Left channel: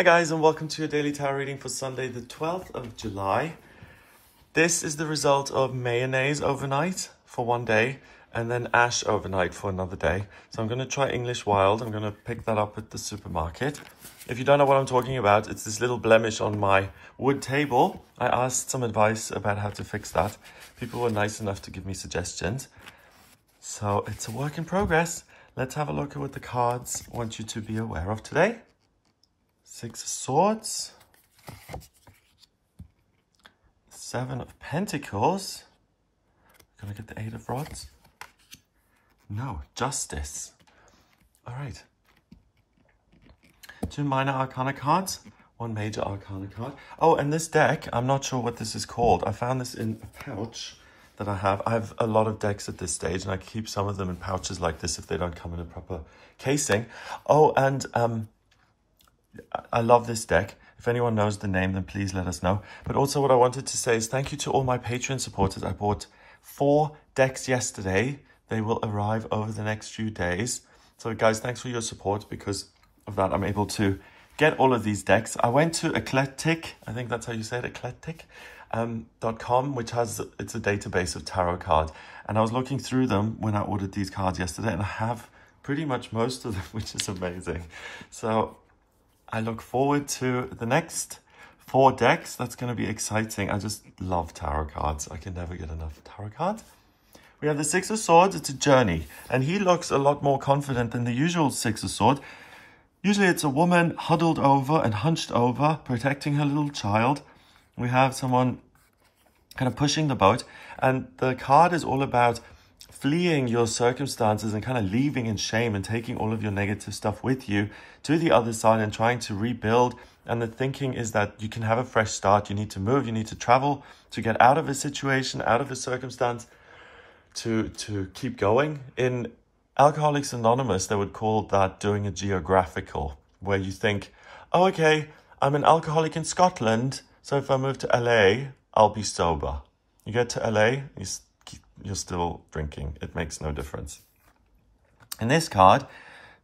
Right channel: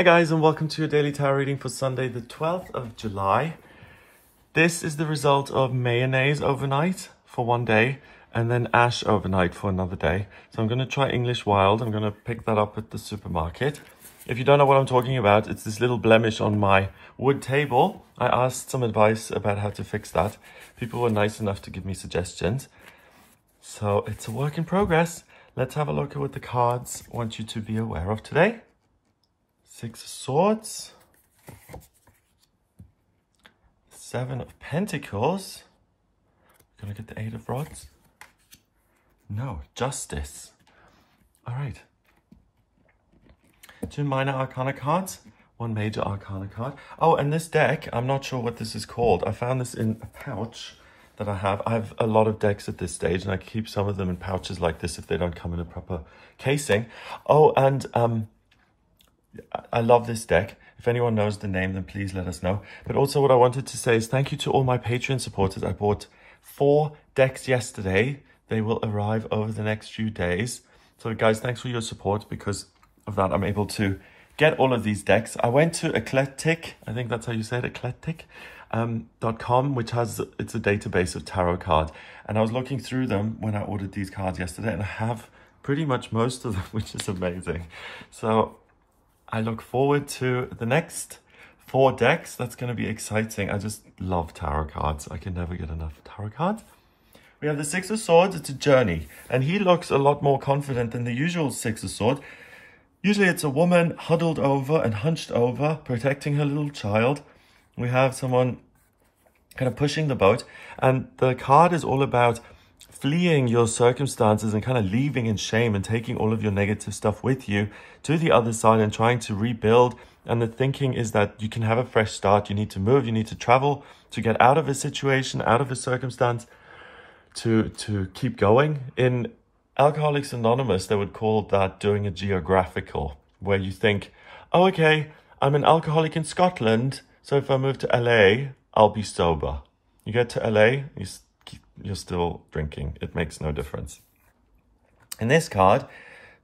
Hi guys, and welcome to your daily tarot reading for Sunday the 12th of July. This is the result of mayonnaise overnight for one day and then ash overnight for another day. So I'm going to try English Wild. I'm going to pick that up at the supermarket. If you don't know what I'm talking about, it's this little blemish on my wood table. I asked some advice about how to fix that. People were nice enough to give me suggestions. So it's a work in progress. Let's have a look at what the cards want you to be aware of today. Six of Swords, Seven of Pentacles. Gonna get the Eight of Rods. No, Justice. All right. Two minor arcana cards, one major arcana card. Oh, and this deck, I'm not sure what this is called. I found this in a pouch that I have. I have a lot of decks at this stage, and I keep some of them in pouches like this if they don't come in a proper casing. Oh, and I love this deck. If anyone knows the name, then please let us know. But also what I wanted to say is thank you to all my Patreon supporters. I bought 4 decks yesterday. They will arrive over the next few days. So guys, thanks for your support. Because of that, I'm able to get all of these decks. I went to Eclectic, I think that's how you say it, eclectic.com, which has, it's a database of tarot cards. And I was looking through them when I ordered these cards yesterday, and I have pretty much most of them, which is amazing. So I look forward to the next 4 decks. That's going to be exciting. I just love tarot cards. I can never get enough tarot cards. We have the Six of Swords. It's a journey. And he looks a lot more confident than the usual Six of Swords. Usually it's a woman huddled over and hunched over, protecting her little child. We have someone kind of pushing the boat. And the card is all about fleeing your circumstances and kind of leaving in shame and taking all of your negative stuff with you to the other side and trying to rebuild. And the thinking is that you can have a fresh start. You need to move, you need to travel to get out of a situation, out of a circumstance, to keep going. In Alcoholics Anonymous, they would call that doing a geographical, where you think, oh, okay, I'm an alcoholic in Scotland, so if I move to LA, I'll be sober. You get to LA, you're still drinking. It makes no difference. In this card,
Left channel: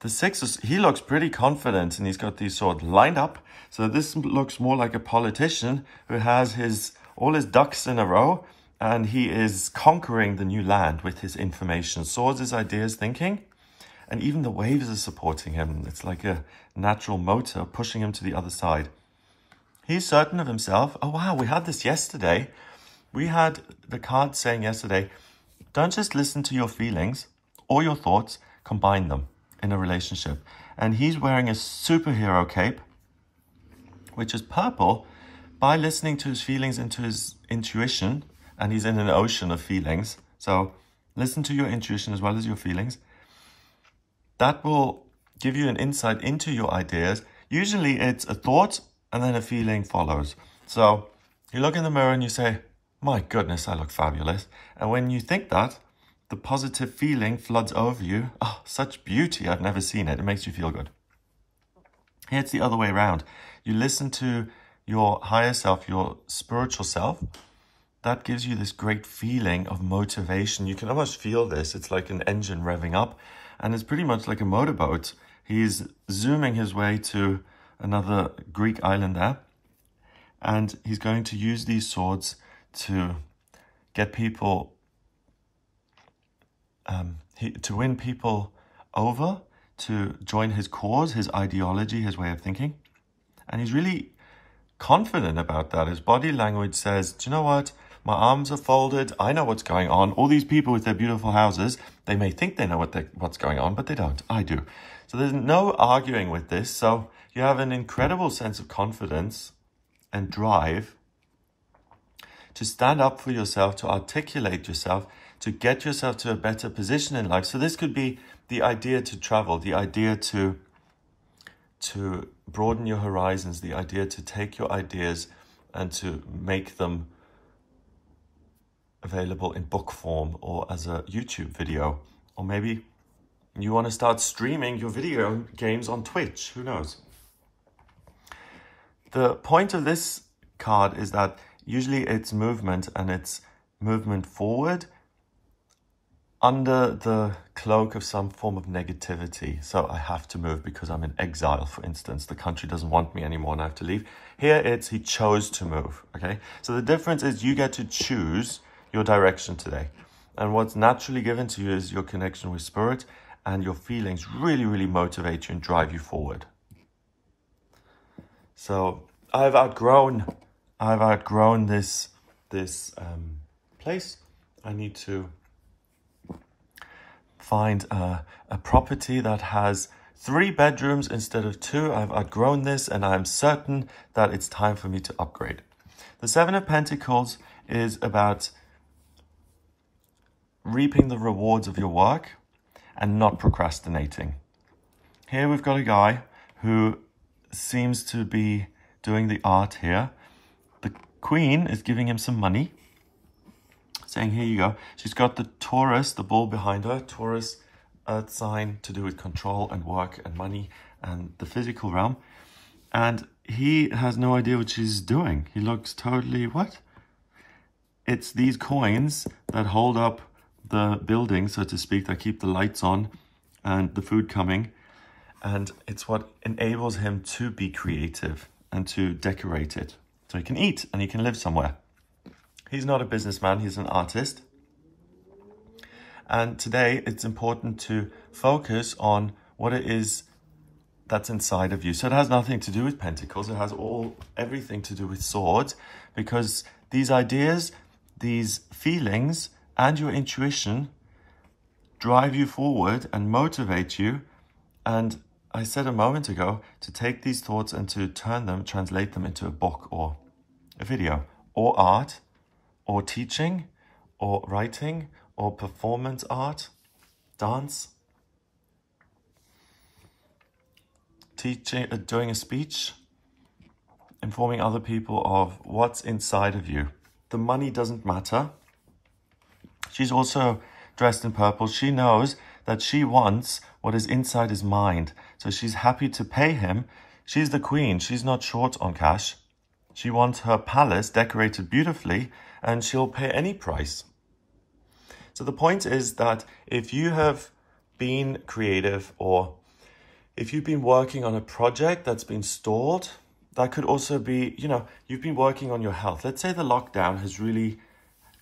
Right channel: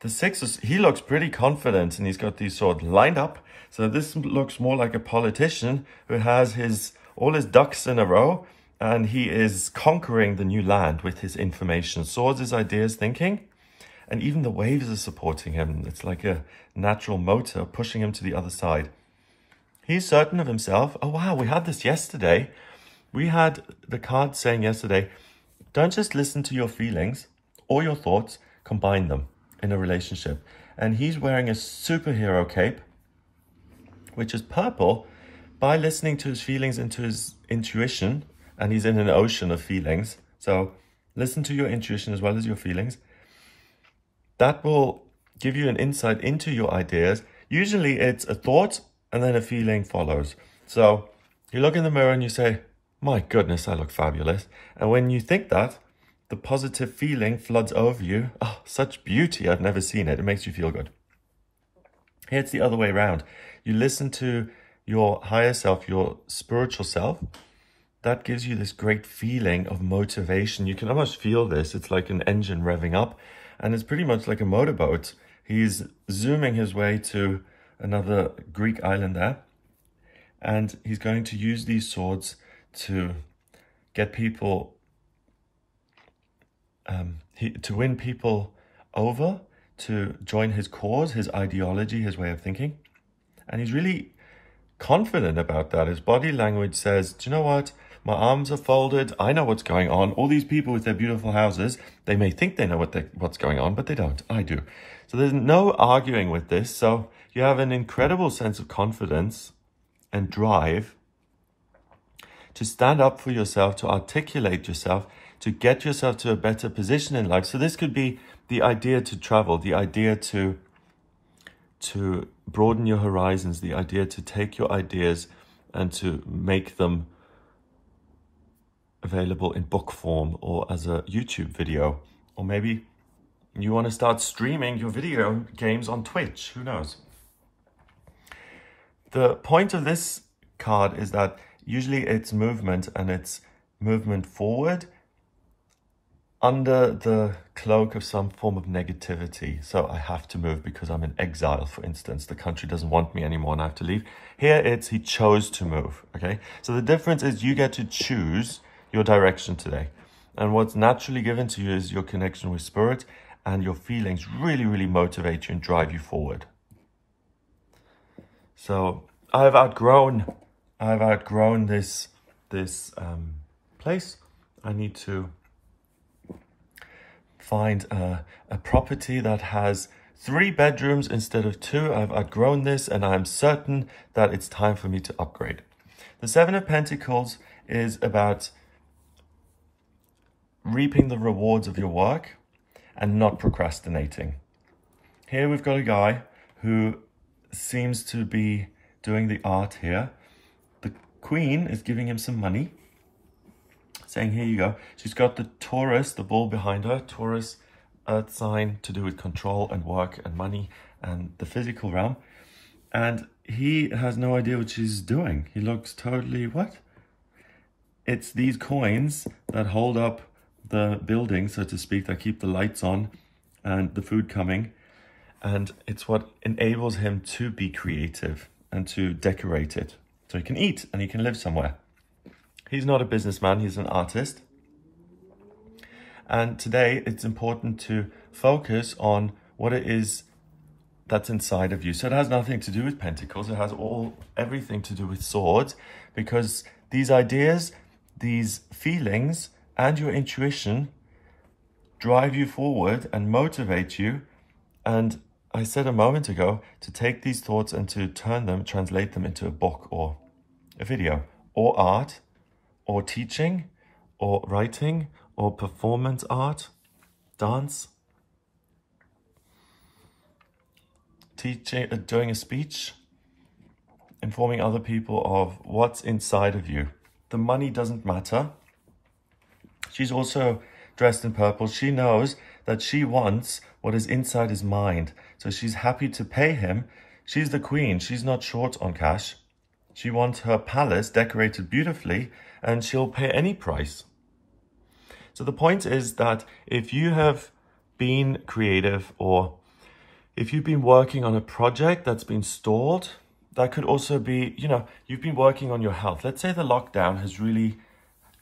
the Six, he looks pretty confident, and he's got these swords lined up. So this looks more like a politician who has all his ducks in a row, and he is conquering the new land with his information. Swords is ideas, thinking, and even the waves are supporting him. It's like a natural motor pushing him to the other side. He's certain of himself. Oh, wow, we had this yesterday. We had the card saying yesterday, don't just listen to your feelings or your thoughts, combine them in a relationship. And he's wearing a superhero cape, which is purple, by listening to his feelings and to his intuition. And he's in an ocean of feelings. So listen to your intuition as well as your feelings. That will give you an insight into your ideas. Usually it's a thought and then a feeling follows. So you look in the mirror and you say, my goodness, I look fabulous. And when you think that, the positive feeling floods over you. Oh, such beauty. I've never seen it. It makes you feel good. Here it's the other way around. You listen to your higher self, your spiritual self. That gives you this great feeling of motivation. You can almost feel this. It's like an engine revving up. And it's pretty much like a motorboat. He's zooming his way to another Greek island there. And he's going to use these swords to get people, to win people over, to join his cause, his ideology, his way of thinking. And he's really confident about that. His body language says, do you know what? My arms are folded. I know what's going on. All these people with their beautiful houses, they may think they know what's going on, but they don't. I do. So there's no arguing with this. So you have an incredible sense of confidence and drive to stand up for yourself, to articulate yourself, to get yourself to a better position in life. So this could be the idea to travel, the idea to broaden your horizons, the idea to take your ideas and to make them available in book form or as a YouTube video. Or maybe you want to start streaming your video games on Twitch. Who knows? The point of this card is that usually it's movement, and it's movement forward under the cloak of some form of negativity. So I have to move because I'm in exile, for instance. The country doesn't want me anymore and I have to leave. Here it's he chose to move, okay? So the difference is you get to choose your direction today. And what's naturally given to you is your connection with spirit, and your feelings really, really motivate you and drive you forward. So I've outgrown this place. I need to find a property that has 3 bedrooms instead of 2. I've outgrown this, and I'm certain that it's time for me to upgrade. The 7 of Pentacles is about reaping the rewards of your work and not procrastinating. Here we've got a guy who seems to be doing the art here. The Queen is giving him some money, saying, here you go. She's got the Taurus, the bull behind her. Taurus, earth sign, to do with control and work and money and the physical realm. And he has no idea what she's doing. He looks totally, what? It's these coins that hold up the building, so to speak, that keep the lights on and the food coming. And it's what enables him to be creative and to decorate it. So he can eat and he can live somewhere. He's not a businessman, he's an artist. And today it's important to focus on what it is that's inside of you. So it has nothing to do with pentacles, it has everything to do with swords, because these ideas, these feelings, and your intuition drive you forward and motivate you. And I said a moment ago to take these thoughts and to translate them into a book or a video or art or teaching or writing or performance art, dance, teaching, doing a speech, informing other people of what's inside of you. The money doesn't matter. She's also dressed in purple. She knows that she wants what is inside his mind. So she's happy to pay him. She's the queen. She's not short on cash. She wants her palace decorated beautifully, and she'll pay any price. So the point is that if you have been creative, or if you've been working on a project that's been stalled, that could also be, you know, you've been working on your health. Let's say the lockdown has really,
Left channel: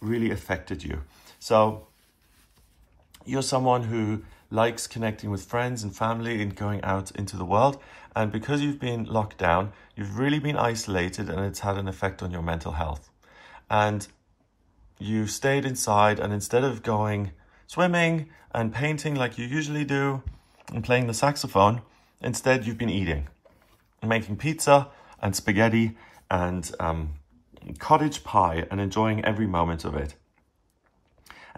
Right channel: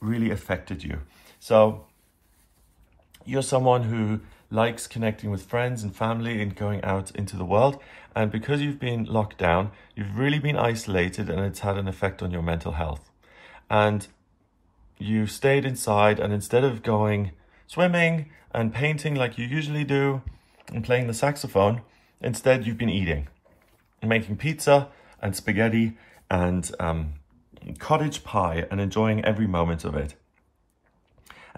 really affected you. So you're someone who likes connecting with friends and family and going out into the world. And because you've been locked down, you've really been isolated, and it's had an effect on your mental health. And you stayed inside, and instead of going swimming and painting like you usually do and playing the saxophone, instead you've been eating and making pizza and spaghetti and cottage pie and enjoying every moment of it.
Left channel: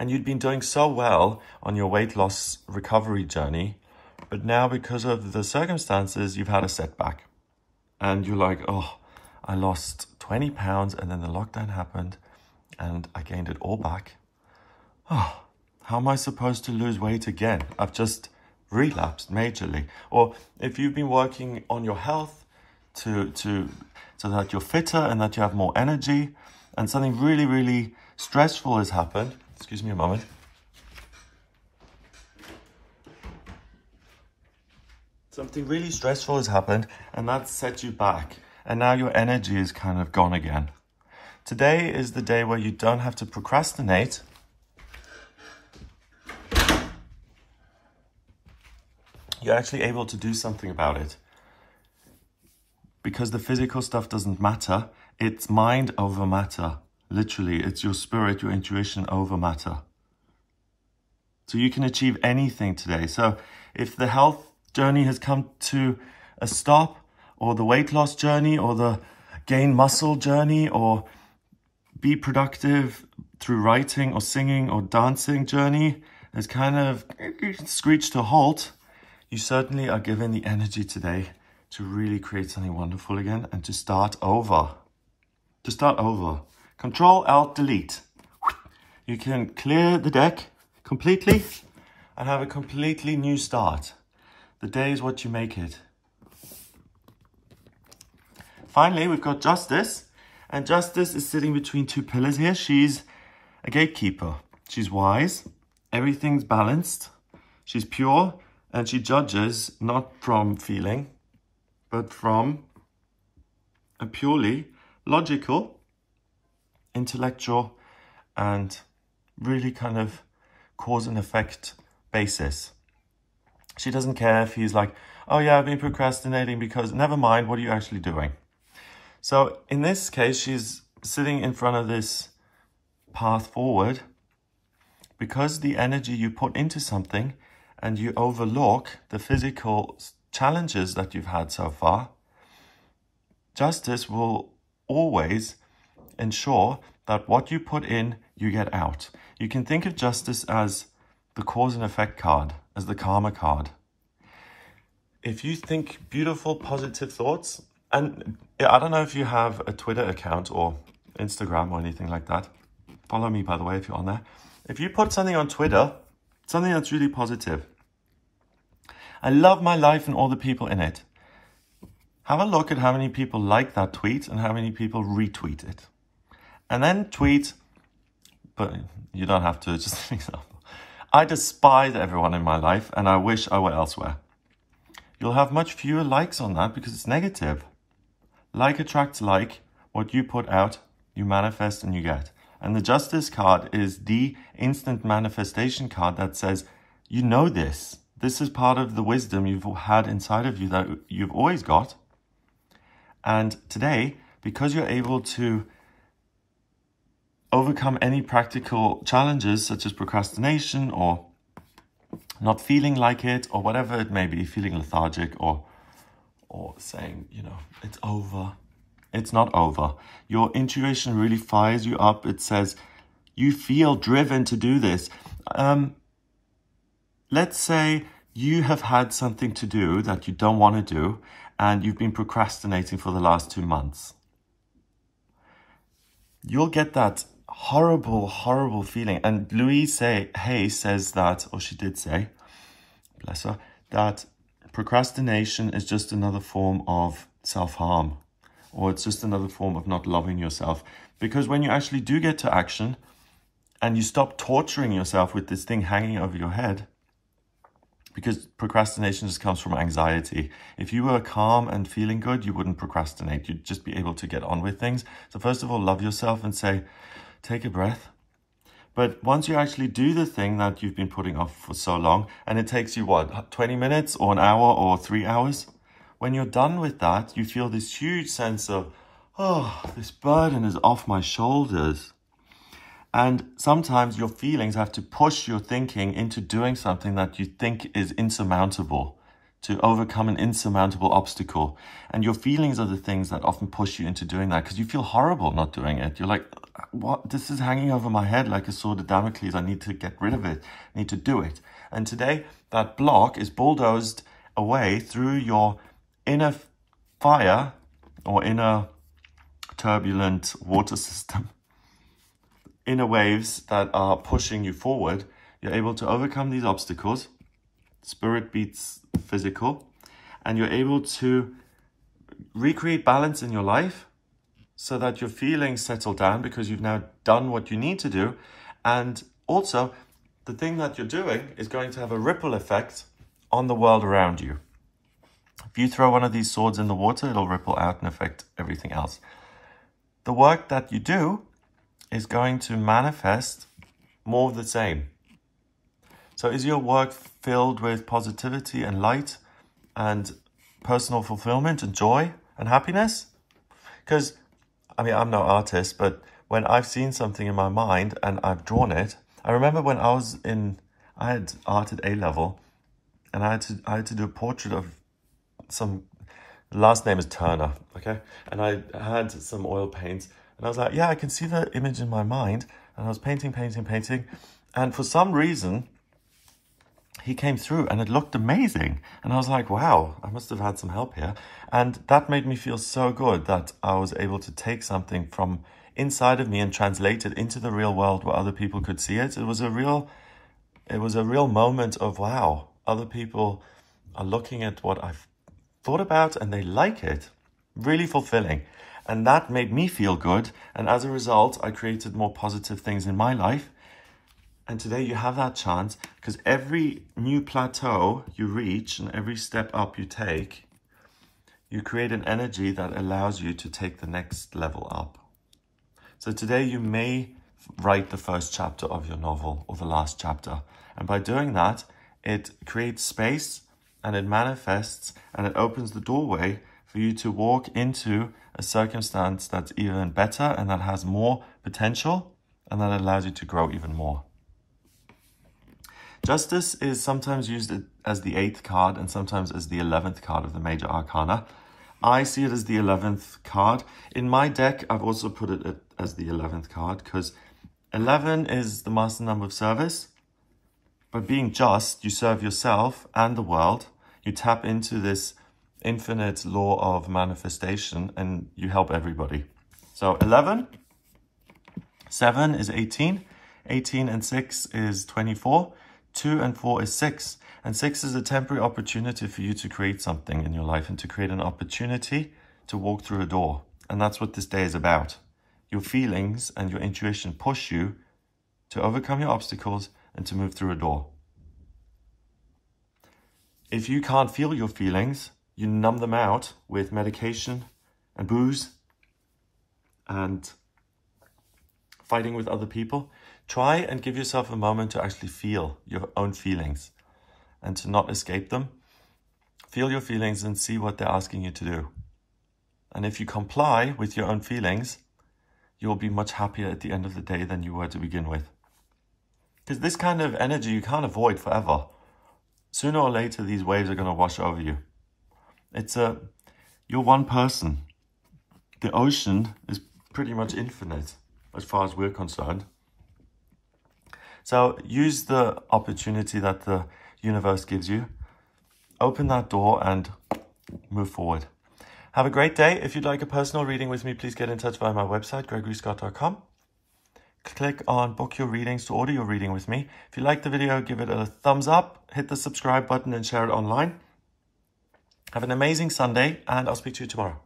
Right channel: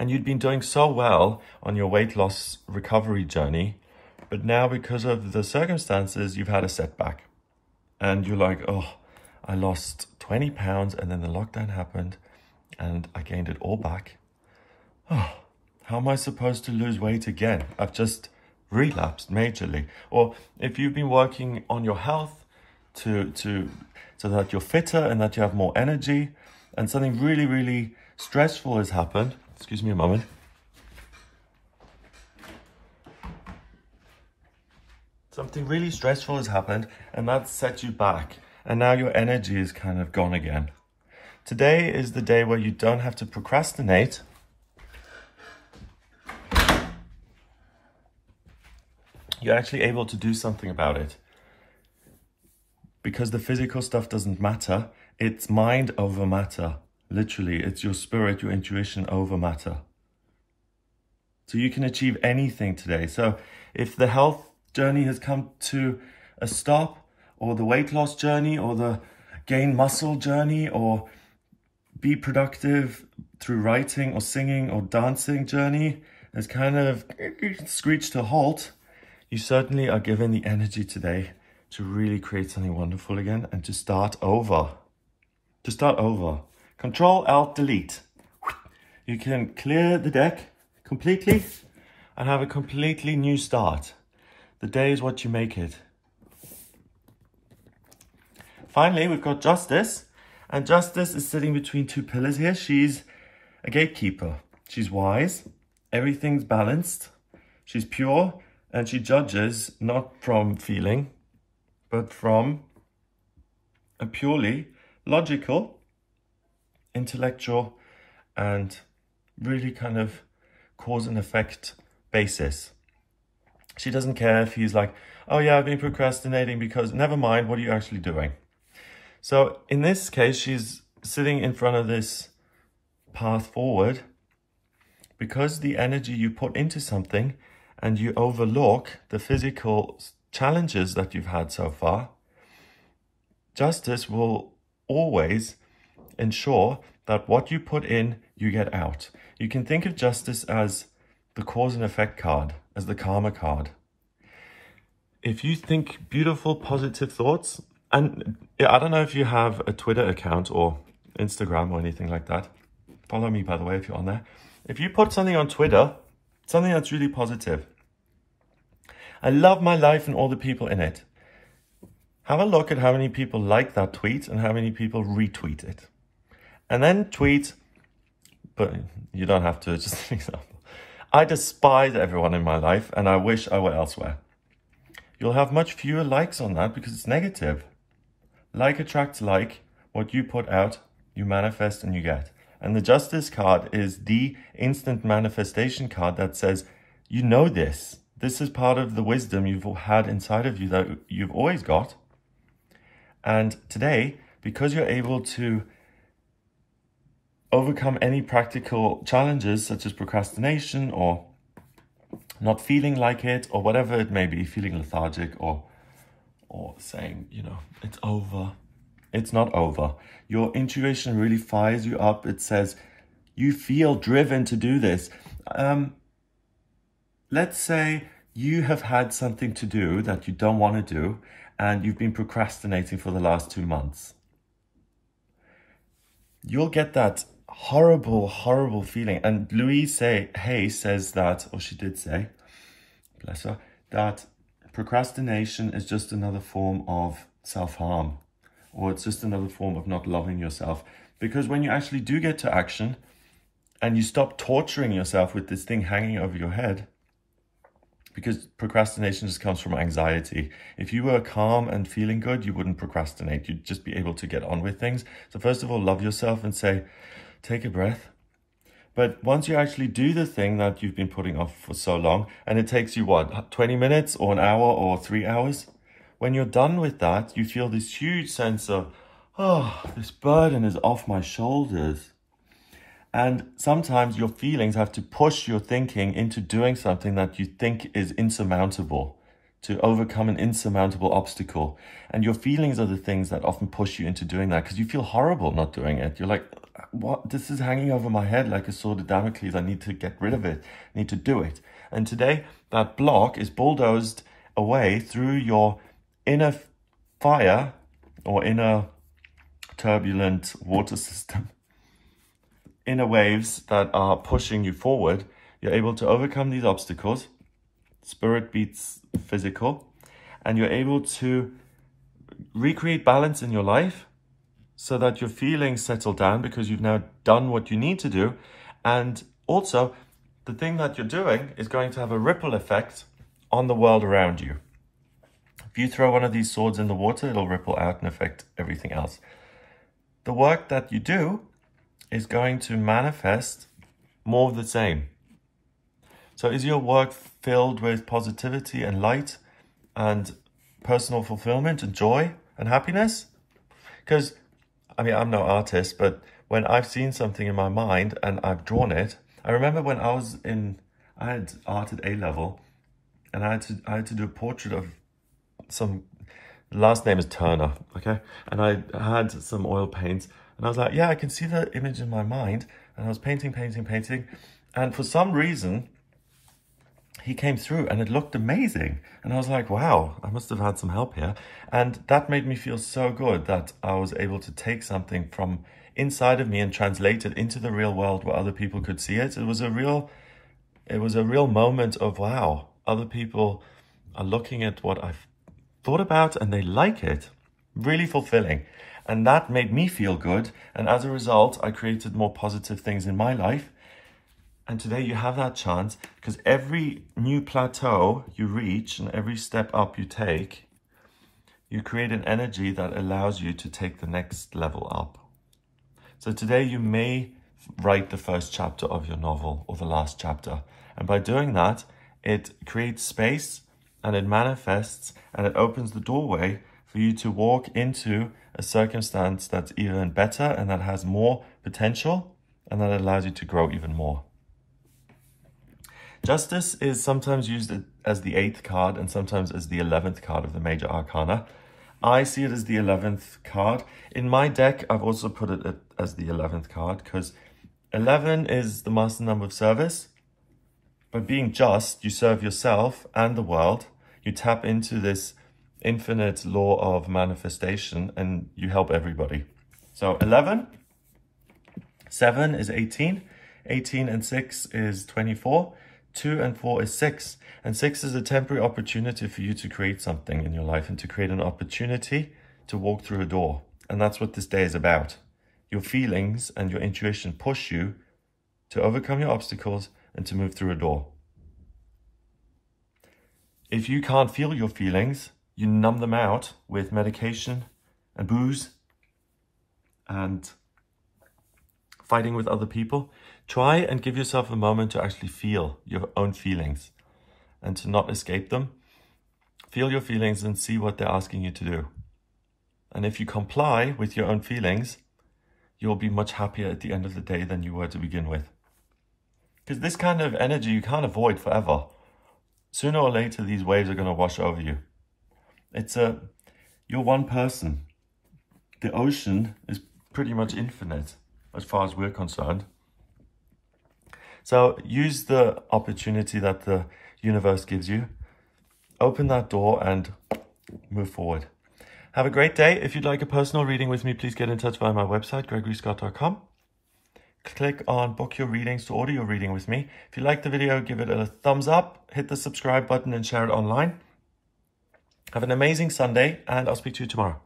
And you'd been doing so well on your weight loss recovery journey, but now because of the circumstances, you've had a setback. And you're like, oh, I lost 20 pounds and then the lockdown happened and I gained it all back. Oh, how am I supposed to lose weight again? I've just relapsed majorly. Or if you've been working on your health so that you're fitter and that you have more energy, and something really, really stressful has happened. Excuse me a moment. Something really stressful has happened, and that set you back. And now your energy is kind of gone again. Today is the day where you don't have to procrastinate. You're actually able to do something about it. Because the physical stuff doesn't matter. It's mind over matter. Literally, it's your spirit, your intuition over matter. So you can achieve anything today. So if the health journey has come to a stop, or the weight loss journey, or the gain muscle journey, or be productive through writing or singing or dancing journey has kind of screeched to a halt, you certainly are given the energy today to really create something wonderful again and to start over. To start over. Control, Alt, Delete. You can clear the deck completely and have a completely new start. The day is what you make it. Finally, we've got Justice. And Justice is sitting between two pillars here. She's a gatekeeper. She's wise. Everything's balanced. She's pure, and she judges not from feeling, but from a purely logical, intellectual, and really kind of cause and effect basis. She doesn't care if he's like, oh yeah, I've been procrastinating because, never mind, what are you actually doing? So in this case, she's sitting in front of this path forward because the energy you put into something and you overlook the physical challenges that you've had so far. Justice will always ensure that what you put in, you get out. You can think of justice as the cause and effect card, as the karma card. If you think beautiful, positive thoughts, and I don't know if you have a Twitter account or Instagram or anything like that. Follow me, by the way, if you're on there. If you put something on Twitter, something that's really positive, I love my life and all the people in it. Have a look at how many people like that tweet and how many people retweet it. And then tweet, but you don't have to, just an example. I despise everyone in my life and I wish I were elsewhere. You'll have much fewer likes on that because it's negative. Like attracts like. What you put out, you manifest and you get. And the justice card is the instant manifestation card that says, you know this. This is part of the wisdom you've had inside of you that you've always got. And today, because you're able to overcome any practical challenges such as procrastination or not feeling like it or whatever it may be, feeling lethargic or saying, you know, it's over. It's not over. Your intuition really fires you up. It says you feel driven to do this. Let's say you have had something to do that you don't want to do and you've been procrastinating for the last 2 months. You'll get that horrible, horrible feeling. And Louise Hay says that, or she did say, bless her, that procrastination is just another form of self-harm, or it's just another form of not loving yourself. Because when you actually do get to action and you stop torturing yourself with this thing hanging over your head, because procrastination just comes from anxiety. If you were calm and feeling good, you wouldn't procrastinate. You'd just be able to get on with things. So first of all, love yourself and say, take a breath. But once you actually do the thing that you've been putting off for so long, and it takes you, what, 20 minutes or an hour or 3 hours? When you're done with that, you feel this huge sense of, oh, this burden is off my shoulders. And sometimes your feelings have to push your thinking into doing something that you think is insurmountable, to overcome an insurmountable obstacle. And your feelings are the things that often push you into doing that because you feel horrible not doing it. You're like, what? This is hanging over my head like a sword of Damocles. I need to get rid of it. I need to do it. And today, that block is bulldozed away through your inner fire or inner turbulent water system. Inner waves that are pushing you forward. You're able to overcome these obstacles. Spirit beats physical. And you're able to recreate balance in your life so that your feelings settle down because you've now done what you need to do. And also, the thing that you're doing is going to have a ripple effect on the world around you. If you throw one of these swords in the water, it'll ripple out and affect everything else. The work that you do is going to manifest more of the same. So is your work filled with positivity and light and personal fulfillment and joy and happiness? Because, I mean, I'm no artist, but when I've seen something in my mind and I've drawn it, I remember when I had art at A-level and I had to do a portrait of some, last name is Turner, okay? And I had some oil paints. And I was like, yeah, I can see the image in my mind. And I was painting. And for some reason, he came through and it looked amazing. And I was like, wow, I must have had some help here. And that made me feel so good that I was able to take something from inside of me and translate it into the real world where other people could see it. It was a real moment of, wow, other people are looking at what I've thought about and they like it. Really fulfilling. And that made me feel good. And as a result, I created more positive things in my life. And today you have that chance, because every new plateau you reach and every step up you take, you create an energy that allows you to take the next level up. So today you may write the first chapter of your novel or the last chapter. And by doing that, it creates space and it manifests and it opens the doorway for you to walk into a circumstance that's even better and that has more potential and that allows you to grow even more. Justice is sometimes used as the 8th card and sometimes as the 11th card of the major arcana. I see it as the 11th card. In my deck, I've also put it as the 11th card because 11 is the master number of service. By being just, you serve yourself and the world. You tap into this infinite law of manifestation and you help everybody. So 11, 7 is 18, 18 and 6 is 24, 2 and 4 is 6. And 6 is a temporary opportunity for you to create something in your life and to create an opportunity to walk through a door. And that's what this day is about. Your feelings and your intuition push you to overcome your obstacles and to move through a door. If you can't feel your feelings, you numb them out with medication and booze and fighting with other people. Try and give yourself a moment to actually feel your own feelings and to not escape them. Feel your feelings and see what they're asking you to do. And if you comply with your own feelings, you'll be much happier at the end of the day than you were to begin with. Because this kind of energy you can't avoid forever. Sooner or later, these waves are going to wash over you. You're one person. The ocean is pretty much infinite as far as we're concerned. So use the opportunity that the universe gives you. Open that door and move forward. Have a great day. If you'd like a personal reading with me, please get in touch via my website, gregoryscott.com. Click on book your readings to order your reading with me. If you like the video, give it a thumbs up, hit the subscribe button and share it online. Have an amazing Sunday and I'll speak to you tomorrow.